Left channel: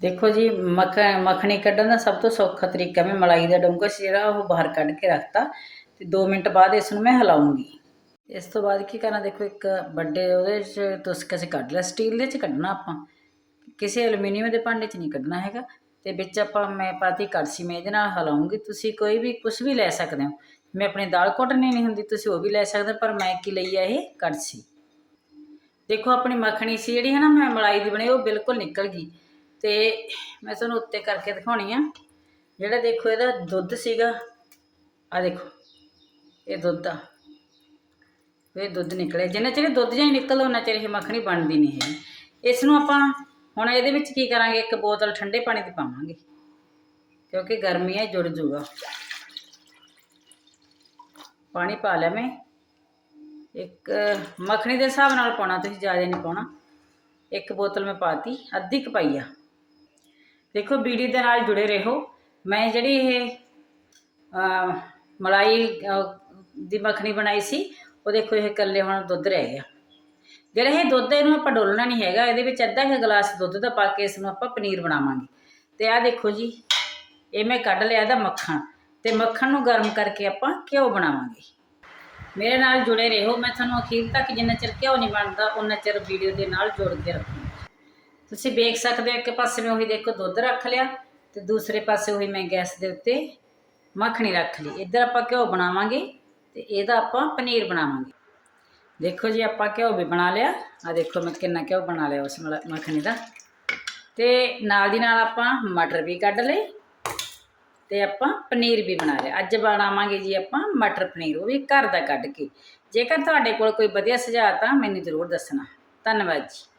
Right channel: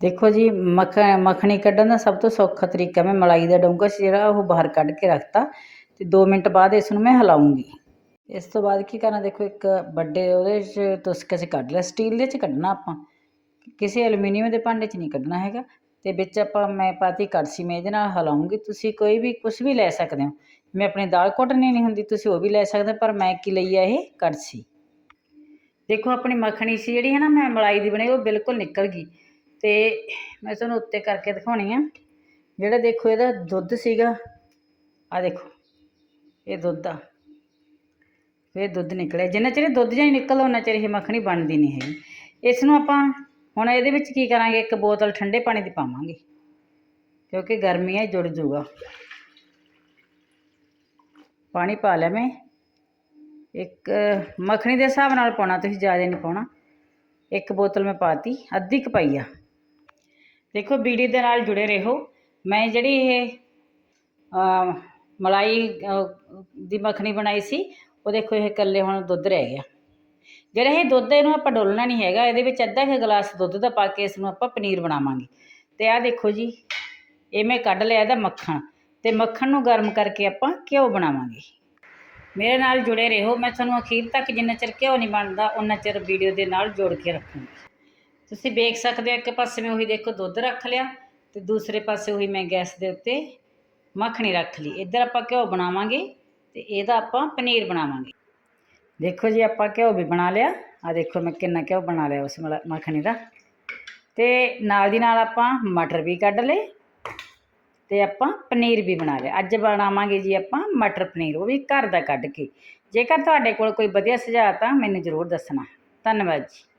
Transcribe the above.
ਦੇਖੋ ਜੀ ਮੱਖ ਮੱਖਣੀ ਕੱਢਣ ਦਾ ਸਭ ਤੋਂ ਸੌਖਾ ਤਰੀਕਾ ਮੈਂ ਮਲਾਈ ਦਾ ਡੋਂਗਾ ਸੀ ਜਿਹੜਾ ਉਹ ਬਾਹਰ ਕੱਢ ਕੇ ਰੱਖਤਾ ਤੇ 2 ਮਿੰਟ ਬਾਅਦ ਇਸ ਨੂੰ ਮੈਂ ਹਿਲਾਉਂਗੀ। ਇਸ ਤੋਂ ਬਾਅਦ ਕੀ ਕਰਨਾ ਦੇਖੋ ਇੱਕ ਵੱਡੇ ਉਹਦੇ 'ਚ ਤੁਸਕ ਅਸੀਂ ਕੱਢ ਲਿਆ ਸਟੀਲ ਦੇ 'ਚ ਕੱਢਣਾ ਆਪਾਂ। ਕਿਸੇ ਐਲੂਮੀਨੀਅਮ ਦੇ ਭਾਂਡੇ 'ਚ ਨਹੀਂ ਕੱਢਣਾ ਹੈਗਾ ਤੇ ਵਿੱਚ ਆਪਾਂ ਮੈਂ ਪਾਤੀ ਕੜਛੀ ਮੈਂ ਇਹਦੇ ਨਾਲ ਹਿਲਾਉਂਗੀ। ਤੁਸੀਂ ਕੋਈ ਵੀ ਕੁਝ ਵੀ ਲੈ ਸਕਦੇ ਹੋ। ਮੈਂ ਆਪਣੀ ਦਾਲ ਘੋਟਣੀ ਨਹੀਂ ਹੁੰਦੀ ਤੁਸੀਂ ਉਹ ਵੀ ਲੈ ਸਕਦੇ ਹੋ, ਪਰ ਮੈਂ ਕੀ ਲਈ ਆ ਇਹ ਕੜਛੀ। ਦੇਖੋ ਆਪਣੀ ਮੱਖਣੀ ਸੀ ਜਿਹੜੀ ਹੈ ਨਾ ਮੈਂ ਮਲਾਈ ਦੀ ਬਣੀ ਉਹ ਬਿਲਕੁਲ ਨਿਕਲ ਗਈ। ਤੇ ਮੈਂ ਤੁਹਾਨੂੰ ਉੱਤੇ ਕਰਕੇ ਦਿਖਾਉਣੀ ਆ। ਜਿਹੜਾ ਦੇਖੋ ਇਹਦਾ ਦੁੱਧ ਸੀਗਾ ਆ ਦੇਖੋ, ਇਹ ਦੁੱਧ ਆ। ਇਹ ਦੁੱਧ ਨਿਕਲਿਆ। ਜਿੰਨਾ ਚਿਰ ਇਹ ਦੁੱਧ ਜਾਂ ਨਿਕਲਦਾ ਉਹਨਾਂ ਚਿਰ ਇਹ ਮੱਖਣੀ ਬਣਦੀ ਨਹੀਂ ਹੈਗੀ। ਇਸ ਨੂੰ ਆਪਾਂ ਹੁਣ ਇਹਦੇ ਵਿੱਚ ਕੀ ਕਰਾਂਗੇ? ਇੱਕ ਬੋਤਲ ਠੰਡੇ ਪਾਣੀ ਦੀ ਪਾਵਾਂਗੇ, ਕਿਉਂਕਿ ਗਰਮੀ ਹੈ ਜੁੜ ਜੂਗਾ। ਪਾਣੀ ਪਾ ਲਿਆ ਮੈਂ। ਇੱਕ ਮੱਖਣੀ ਦੇ ਹਿਸਾਬ ਨਾਲ ਪਾਉਣਾ, ਤੁਸੀਂ ਜ਼ਿਆਦਾ ਨਹੀਂ ਪਾਉਣਾ। ਇੱਕ ਬੋਤਲ ਮੈਂ ਪਾਤੀ, ਅੱਧੀ ਕੁ ਪਾਈ ਆ। ਦੇਖੋ, ਬੀੜੀ ਦੇ ਨਾਲ ਜੁੜੇ ਰਹੋ। ਮੈਂ ਜਿਹੜੀ ਇਹ ਮਲਾਈ ਦੀ ਮੱਖਣੀ ਬਣਾਈ ਸੀ, ਉਹ ਦੇਖੋ, ਇਹ ਇਕੱਲੇ ਹੁਣ ਦੁੱਧ ਰਹਿ ਗਿਆ। ਜਿਹੜਾ ਇਹ ਦੁੱਧ ਇਹਨੂੰ ਆਪਾਂ ਡੋਲਣਾ ਨਹੀਂ ਹੈਗਾ। ਇਹਦੇ ਵਿੱਚ ਅੱਧਾ ਕੁ ਗਲਾਸ ਦੁੱਧ ਦਾ ਪਾ ਕੇ ਇਸ ਨੂੰ ਆਪਾਂ ਪਨੀਰ ਬਣਾਵਾਂਗੇ। ਤੇ ਆਹ ਦੇਖੋ ਜੀ, ਇਹ ਮੈਂ ਕੱਢ ਲਿਆ ਇਹਦਾ ਮੱਖਣ। ਤੇ ਮੱਖਣ ਨੂੰ ਗਰਮ ਕਰਕੇ ਆਪਾਂ ਘਿਓ ਬਣਾਵਾਂਗੇ। ਮੇਰੇ ਨਾਲ ਜੁੜੇ ਰਹੋ। ਮੈਂ ਤੁਹਾਨੂੰ ਅਖੀਰ ਤੱਕ ਜਿੰਨਾ ਚਿਰ ਘਿਓ ਨਹੀਂ ਬਣਦਾ ਉਹਨਾਂ ਚਿਰ ਵੀਡੀਓ ਦੇ ਨਾਲ ਜੋੜ ਕੇ ਰੱਖੂੰਗੀ। ਤੁਸੀਂ ਵੇਖ ਸਕਦੇ ਹੋ ਇੱਕ ਪਾਸੇ ਮੈਂ ਉਹੀ ਦੇਖੋ ਦੁੱਧ ਰੱਖ ਲਿਆ ਤੇ ਦੂਸਰੇ ਪਾਸੇ ਉਹੀ ਮੈਂ ਗੈਸ ਦੇ ਉੱਤੇ ਮੱਖਣੀ ਰੱਖ ਲਈ। ਇੱਧਰ ਆਪਾਂ ਘਿਓ ਬਣਾਵਾਂਗੇ ਤੇ ਇਹਦਾ ਆਪਾਂ ਪਨੀਰ ਬਣਾਵਾਂਗੇ। ਦੇਖੋ ਜੀ, ਆਪਾਂ ਘਿਓ ਵੀ ਬਣਾ ਲਿਆ। ਆ ਦੇਖੋ ਮੈਂ ਕਿੰਨਾ ਘਿਓ ਬਣਾ ਲਿਆ ਉਸ ਮਲਾ- ਮੱਖਣੀ ਦਾ। ਤੇ ਨਾਲ ਦੀ ਨਾਲ ਆਪਾਂ ਮਟਰ ਵੀ ਕੱਢ ਲਏ ਤੇ ਆਪਾਂ ਪਨੀਰ ਵੀ ਬਣਾ ਲਿਆ। ਅੱਜ ਬਣਾਵਾਂਗੇ ਜੀ ਆਪਾਂ ਮਟਰ ਪਨੀਰ, ਉਹ ਵੀ ਘਰ ਦਾ ਕੱਢ ਕੇ। ਜੇਕਰ ਤੁਹਾਡੇ ਕੋਲ ਕੋਈ ਵਧੀਆ ਸੁਝਾਅ ਤਾਂ ਮੈਨੂੰ ਜ਼ਰੂਰ ਦੱਸਣਾ। ਧੰਨਵਾਦ ਜੀ।